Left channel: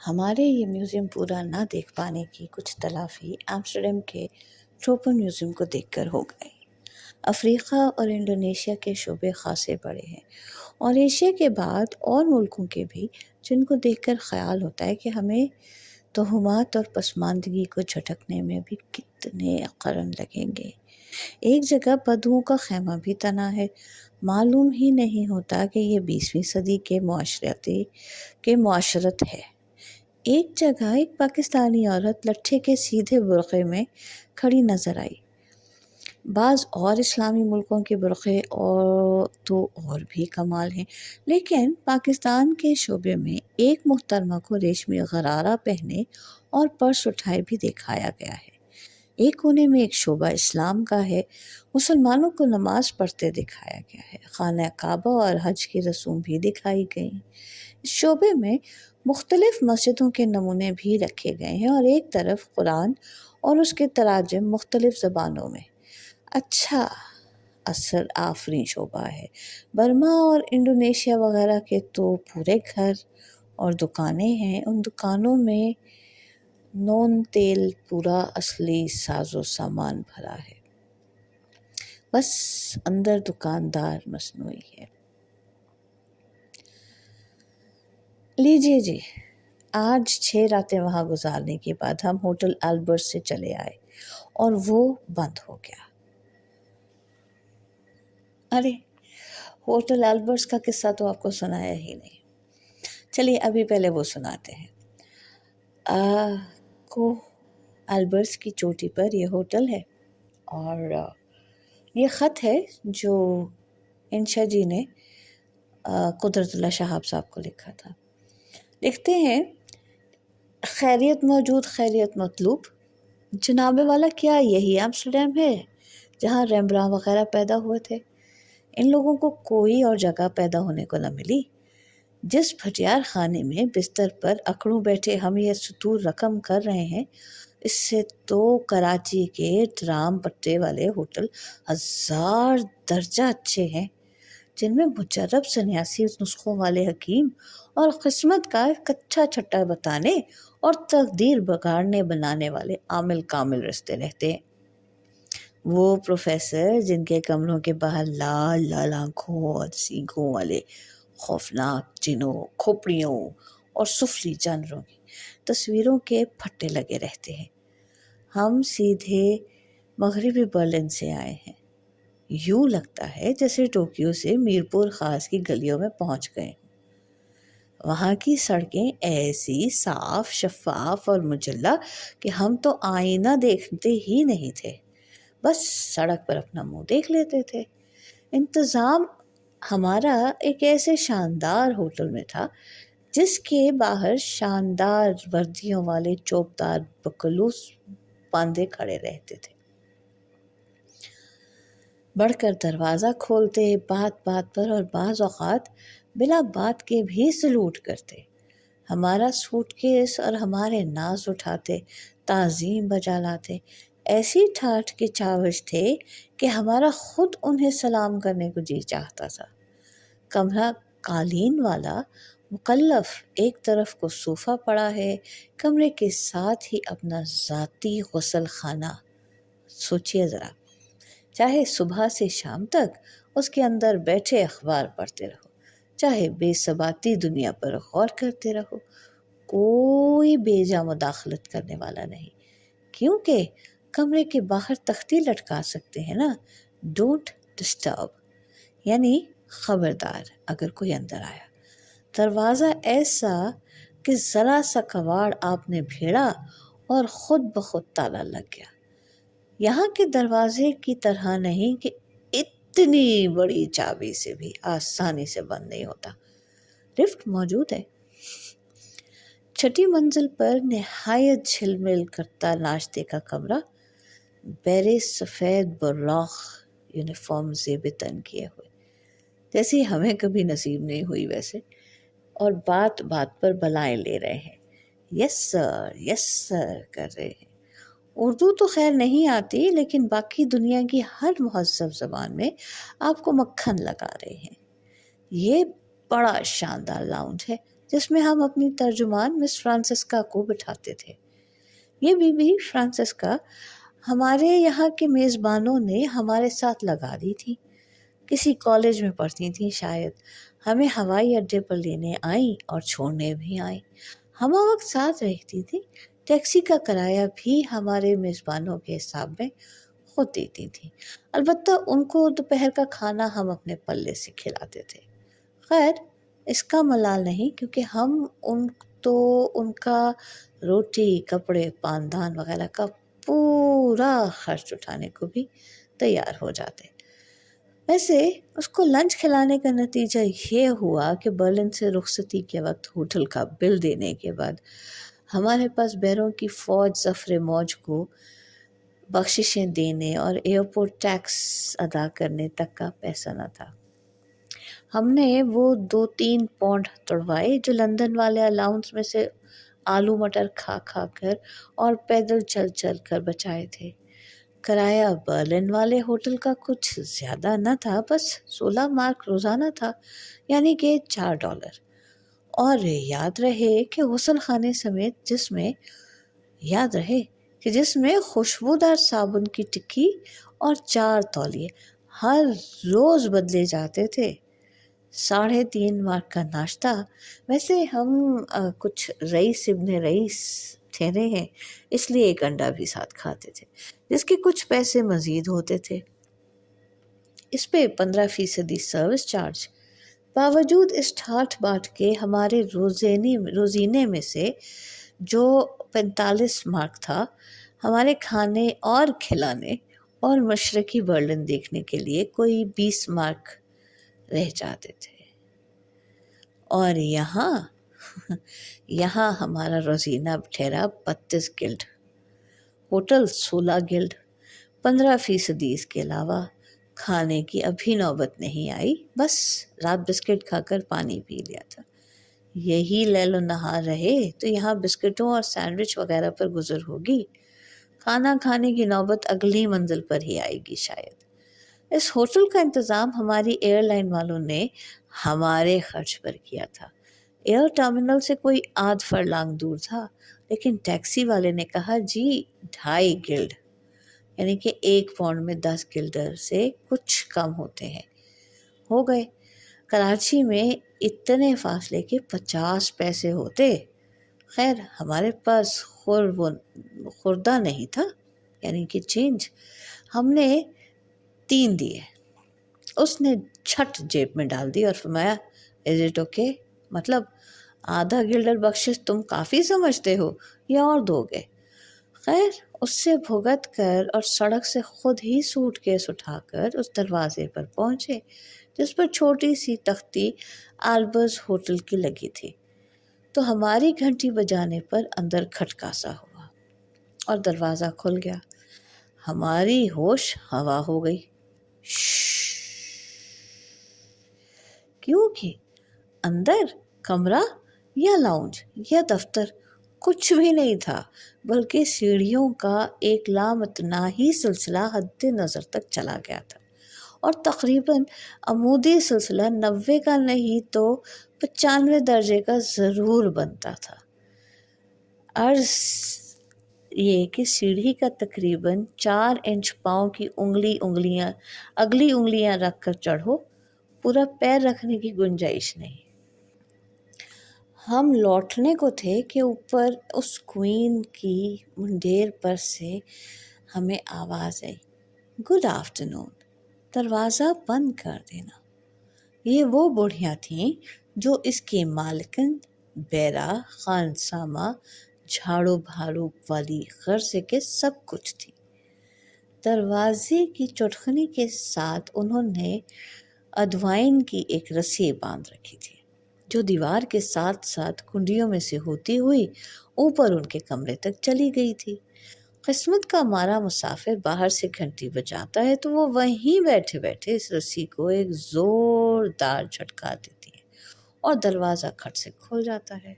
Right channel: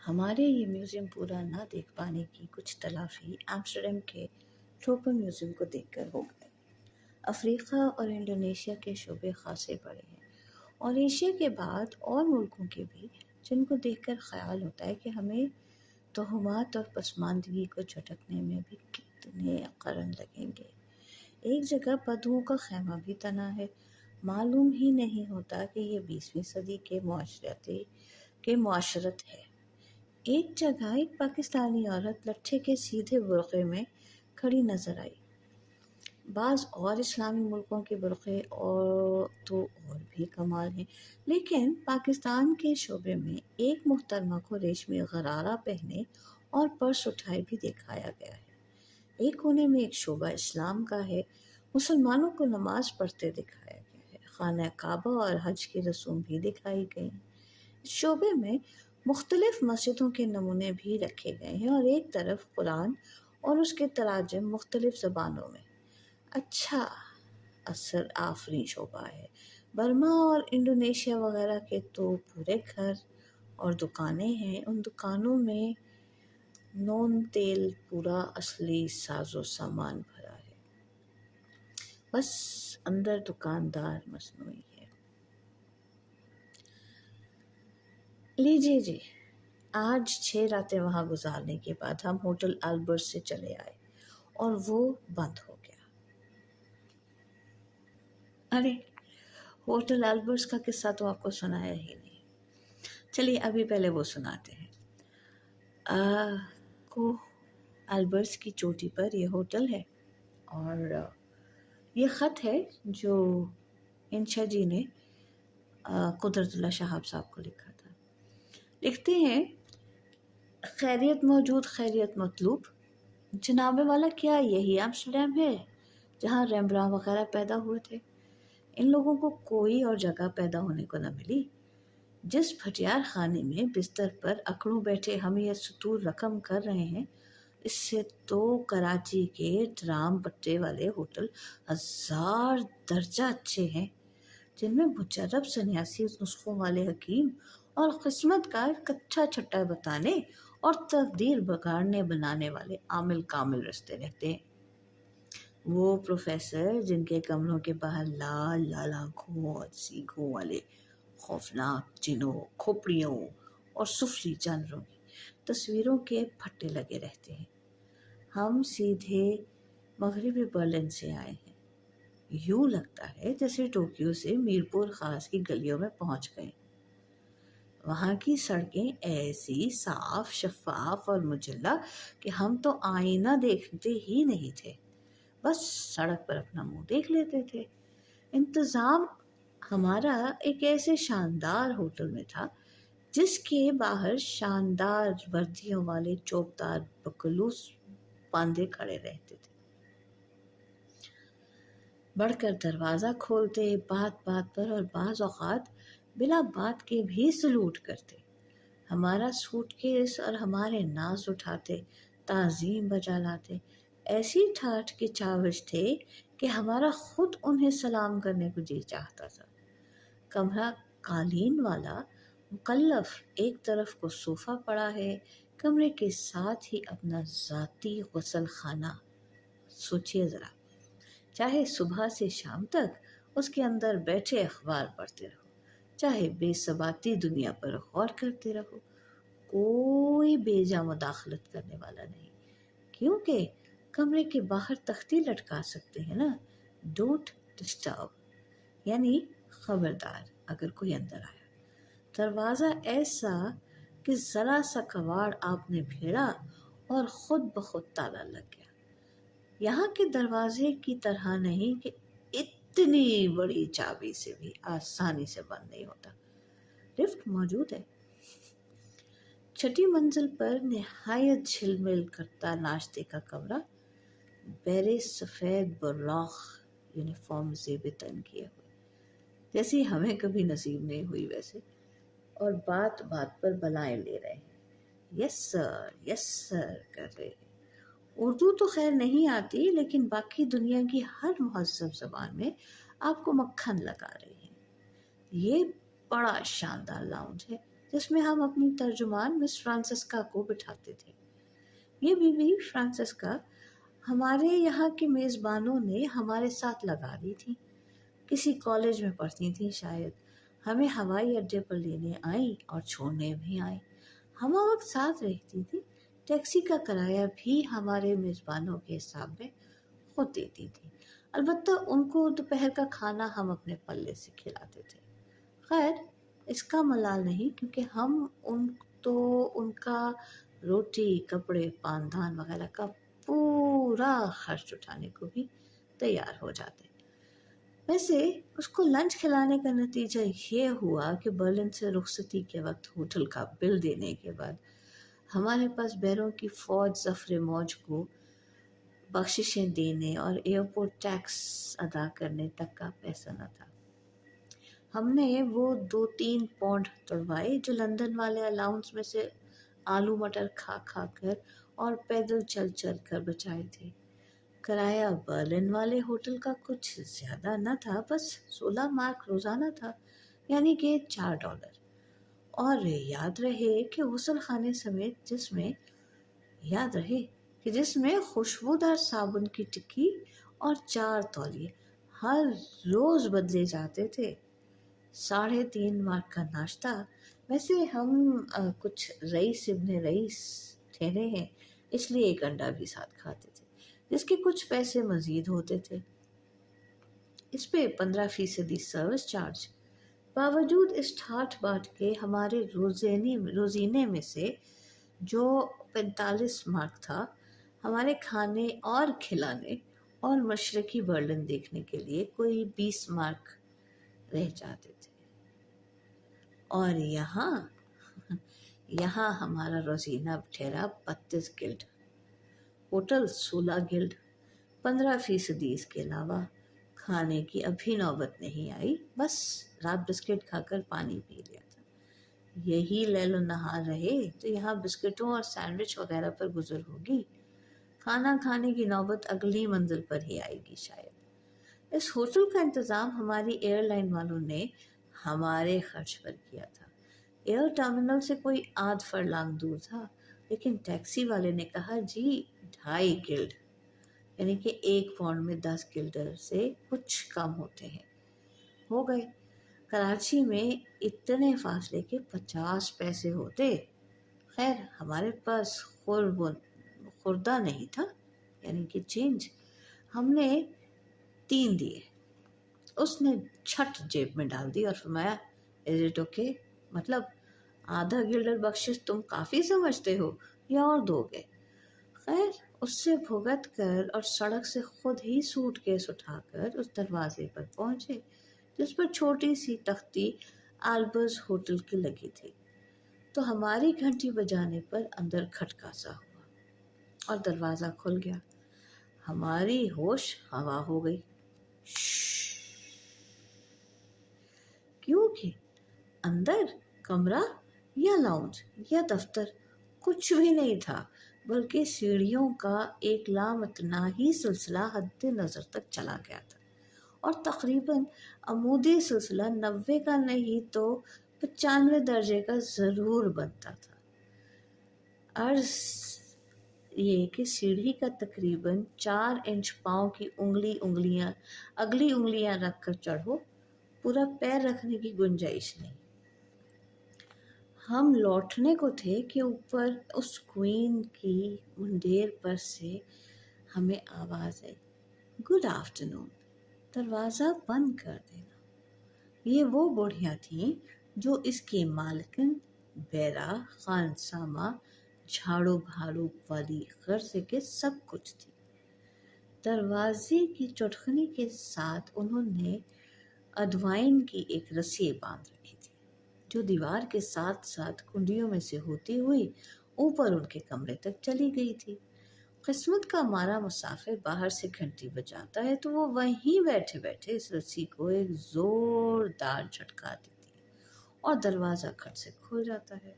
ہمارے یہ میوزیم پورا نہ دیکھ پانے کی کچھ تلافی ایمسٹرڈیم کے ٹروپن میوزیم کو دیکھ کر ہو گئی۔ افریقہ اور انڈونیشیا کے شعبے خاصے بڑے ہیں، اور ایشیا کے بعد اور ملکوں کے بھی، جن کو دیکھ کر خیال ہوتا ہے کہ ہمیں توہمات اور پسماندگی کو جھٹکنے میں بھی کتنے قرن لگیں گے۔ ایک جگہ بدوؤں کا خیمہ بھی تنا ہے، معلوم ہی نہیں ہوتا کہ یہ 20ویں صدی کے معاشرت ہے۔ ایک جگہ ایک پاکستانی عورت لٹھے کے سیدھے برقعے میں کھڑی نظر آئی۔ بعض اور اسلامی ملکوں کے برقعے اور بھی کمال ہیں، لیکن پاکستان کے شعبے میں ایک محترمہ کو ریشمی غرارہ پہنے اور پرس اٹھائے بھی دکھایا گیا ہے۔ ایک کونے میں ایک شعبہ اسلام کا ہے، مسلمانوں کو نماز پڑھتے دکھایا گیا ہے، خانہ کعبہ اور حج کی رسوم بھی دکھائی گئی۔ اس شعبے میں مختلف مسجدوں کے نمونے بھی رکھے گئے ہیں، اور ایک طرف قرآن اور اس کے تراجم مختلف زبانوں میں۔ اچھا، اثر آفریں شعبہ ہے۔ برما اور انڈونیشیا وغیرہ کے تو پورے گھر اور دکانیں ہیں، ان دکانوں میں نون تیل پورا اصلی ساز و سامان بھرا ہے، بس اندر دکاندار مصنوعی ہے۔ لیجیے جی، آج 6 راتیں وہاں گزارنے کے بعد ہم ہوٹل البرٹ سے چلے آئے اور وہ بند ہو گیا۔ ارے، ہوٹل البرٹس کا قصہ تو آپ کو سنایا ہی نہیں۔ چلیے ابھی پہلے وہ سناتے ہیں۔ کو البرٹس کی چوٹی پر یہ ہوٹل ہے، اور یہ خط ہے جو انشا جی نے قدرت اللہ شہاب صاحب کو لکھا تھا۔ لکھتے ہیں، خیریت موجود خیریت مطلوب، جناب والا کیا یہی ایمسٹرڈیم ہے جہاں ریمبراں وغیرہ پیدا ہوئے تھے؟ ان لوگوں کو کوئی اور جگہ پیدا ہونے کو نہ ملی۔ جس بھٹیار خانے میں بستر پر اکڑوں بیٹھے ہم یہ سطور رقم کر رہے ہیں، اس سے تو کراچی کے ٹرام پٹے والے ہوٹل 1000 درجہ اچھے ہیں، جن میں مجرب سنیاسی نسخوں والے حکیم اور قسمت کا کچا چھٹا بتانے اور تقدیر بگاڑنے بنانے والے عامل کامل رستے رہتے ہیں۔ وہ پروفیسر جن کے کمروں کے باہر لال لال آنکھوں اور سینگوں والے خوفناک جنوں، کھوپڑیوں اور سفلی جانوروں کی تصویروں کے پھٹے لگے رہتے ہیں۔ ہم سیدھے مغربی برلن سے آئے ہیں، یوں لگتا ہے جیسے ٹوکیو سے میرپور خاص کی گلیوں میں پہنچ گئے۔ وہاں کی سڑکیں ایسی صاف، شفاف اور مجلہ کہ ہم تو آئینہ دیکھتے ہی نہیں تھے، بس سڑک پر اپنا منہ دیکھ لیتے تھے۔ انتظام ہمارا ایک ایسے شاندار ہوٹل میں تھا جس کے باہر شاندار وردیوں والے چوبدار بکلوس باندھے کھڑے رہتے تھے، بڑھ کر دروازہ کھولتے، بات بات پر اور بعض اوقات بلا بات کے بھی سلوٹ کرتے، ہمارا سوٹ کیس اور ہمارے ناز اٹھاتے، تعظیم بجا لاتے، ایسی ٹھاٹھ کے چاوش تھے کہ ہمارا خود انہیں سلام کرنے کو جی چاہتا تھا۔ کمرہ قالین والا، مکلف، ایک طرف کو صوفہ پڑا ہے، کمرے کے ساتھ ہی اپنا ذاتی غسل خانہ۔ سوچئے ذرا، چاہے صبح سے شام تک اس کے اندر بیٹھے اخبار پڑھتے رہو، چاہے بے ثباتی دنیا پر غور کرتے رہو، کوئی بے جا مداخلت کرنے والا نہیں، کیونکہ کمرے کے باہر تختی لٹکا سکتے ہیں نا، ڈونٹ ڈسٹرب، یعنی خبردار اگر کوئی اندر آیا۔ دروازہ ایسا کہ ذرا سا کواڑ آپ نے بھیڑا اور خود بخود تالا لگ گیا۔ یہاں کے دروازے کی طرح نہیں کہ اتنی بڑی چابی سے بھی آسانی سے بند نہیں ہوتا۔ لفٹ موجود ہے۔ 6 منزل پر نہایت جھلمل کرتا ناشتے کا کمرہ، بیرے سفید براق یونیفارم زیب تن کیے ہوئے، جیسی ہمیں کبھی نصیب نہیں ہوئی ویسے، اور بات بات پر بلائیں لے رہے ہیں، یس سر کر رہے ہیں۔ اردو تو خیر نہیں آتی، لیکن باقی دنیا کی ہر مہذب زبان میں آپ کو مکھن لگا رہے ہیں۔ یہ بڑا شاندار لاؤنج ہے، جس میں ہم اپنی ترجمان مس فرانسسکا کو بٹھاتے تھے۔ یہ بی بی فرانسسکا ہمارے یہاں کے میزبانوں نے ہمارے ساتھ لگا دی تھی، کسی کالج میں پڑھتی تھیں شاید، ہمیں ہوائی اڈے پر لینے آئیں اور چھوڑنے بھی آئیں، ہم وقت ساتھ رہتی تھیں، ٹیکسی کا کرایہ بھی ہمارے میزبانوں کے حساب میں خود دیتی تھیں، البتہ ان کو دوپہر کا کھانا ہم اپنے پلے سے کھلاتے تھے۔ خیر اس کا ملال نہیں، کیونکہ ہم ان کا روٹی، کپڑے، پاندان وغیرہ کا پورا خرچ اٹھانے کو بھی تیار ہو جاتے۔ ویسے اس کو لنچ کھلانے کا نتیجہ یہ ہوا کہ برلن سے رخصتی کے وقت ہوٹل کا بل دینے کے بعد ہمارے پاس بیروں کی فوج ظفر موج کو بخششیں دینے اور ایئرپورٹ ٹیکس ادا کرنے تک کا پیسہ نہ تھا۔ ہم نے وہ 2-3 پاؤنڈ توڑوائے جو لندن والے الاؤنس میں سے آلو مٹر کھا کھا کر اور پیدل چل چل کر بچائے تھے۔ کرایہ برلن والے ہوٹل کا کچھ زیادہ نہ تھا، بس 16 مارک روزانہ تھا، یعنی کہ $4۔ اور یاد رہے کہ غسل خانے سمیت جس میں خوشبودار صابن کی ٹکی اور 4 تولیے ہر روز بدلے جاتے تھے۔ 3.5 مارک کا ناشتہ، ویسے ہم کچھ رئیس ابن رئیس ٹھہرے ہیں اس لیے ایک انڈا بھی ساتھ کھاتے تھے، جس کے کچھ پیسے مزید ہوتے تھے۔ اس پہ 15% سروس چارج۔ باوجود اس ٹھاٹھ باٹھ کے ہمارے روزینے میں سے جو 45 مارک تھا، ہمارے کھانے اور کھلانے اور مشرقی برلن دیکھنے کے لیے کوئی 20 مارک رہ جاتے تھے۔ اور یہاں ہمارا روزینہ ٹھہرا 32 گلڈ، ہوٹل 16 گلڈ، 15% اس کے علاوہ۔ کھانے کی ابھی نوبت نہیں آئی، بس رات بسکٹ کھا کر پانی پی لیا تھا۔ یہی لیل و نہار رہے تو یہاں بسکٹوں اور سینڈوچ وغیرہ پر گزر ہوگی، کھانا کھانے کی نوبت اگلی منزل پر ہی آئے گی شاید۔ اس ہوٹل کا انتظام ہماری ایئر لائن والوں نے ہمارے خرچ پر کیا تھا۔ ایئر ٹرمینل سے کوئی آدھ فرلانگ دور تھا، لیکن ٹیکسی والے نے کہا جی 2.5 گلڈ، یعنی کہ 1 پاؤنڈ میں 10 گلڈر سے کچھ کم ہوتے ہیں، ہو گئے۔ کراچی میں اتنے فاصلے کے 50 پیسے ہوتے۔ خیر ہمارے پاس خوردہ نہیں تھا، یعنی کہ چینج، ہم نے 3 دیے۔ اس نے چھٹ جیب میں ڈال دی اور فرمایا از اٹ اوکے، مطلب آدھا گلڈر بخشش تم کافی سمجھتے ہو یا اور دو گے؟ خیر اس سے بھگت کر اور سڑک سے خود ہی سوٹ کیس اٹھا کر اس دروازے پر پہنچے جس پر چھوٹی سی تختی آلبرز ہوٹل کی لگی تھی، تو ہماری گھنٹی بجانے پر اندر کھٹکا سا ہوا اور دروازہ کھل گیا۔ ہماری ہوش ہوا ہو گئی، کیونکہ اندر کمرہ یا لاؤنج یا دفتر کچھ بھی نہیں تھا، بلکہ سیڑھیوں کا ایک لامتناہی سلسلہ حد نظر تک چلا گیا تھا، اور تقریباً عمودی سلسلہ 90 کا نہیں تو 95 درجے کا ضرور بنتا تھا۔ عرض یہ کہ سیڑھی کا تقریباً 4 انچ پاؤں کی اگلی انگلیاں رکھ کر چڑھو، پورا پیر رکھنے کی گنجائش نہیں۔ ہم لوٹنے کو تھے کہ اوپر اس کوئین کی منڈیر پر سے ہمیں آواز آئی، گڈ آفٹرنون، دروازہ بند کر دینا۔ یہ وہ بوڑھیاں تھیں جو اس کی مالکن، بیرا، خانسامہ، جھاڑو بھاڑو والی غرض کے سب کچھ تھی۔ دروازے کی چٹخنی کے ساتھ انہوں نے ادوائن کی ایک رسی باندھ رکھی تھی جو دیوار کے ساتھ ساتھ کنڈیوں میں سے ہوتی ہوئی اوپر ان کے کمرے تک چلی گئی تھی۔ قسمت کا مارا مسافر باہر سے گھنٹی بجاتا ہے تو وہ وہیں بیٹھے بیٹھے اس رسی کو ایک زوردار جھٹکا دیتی ہے اور دروازہ کھٹ سے کھل جاتا ہے۔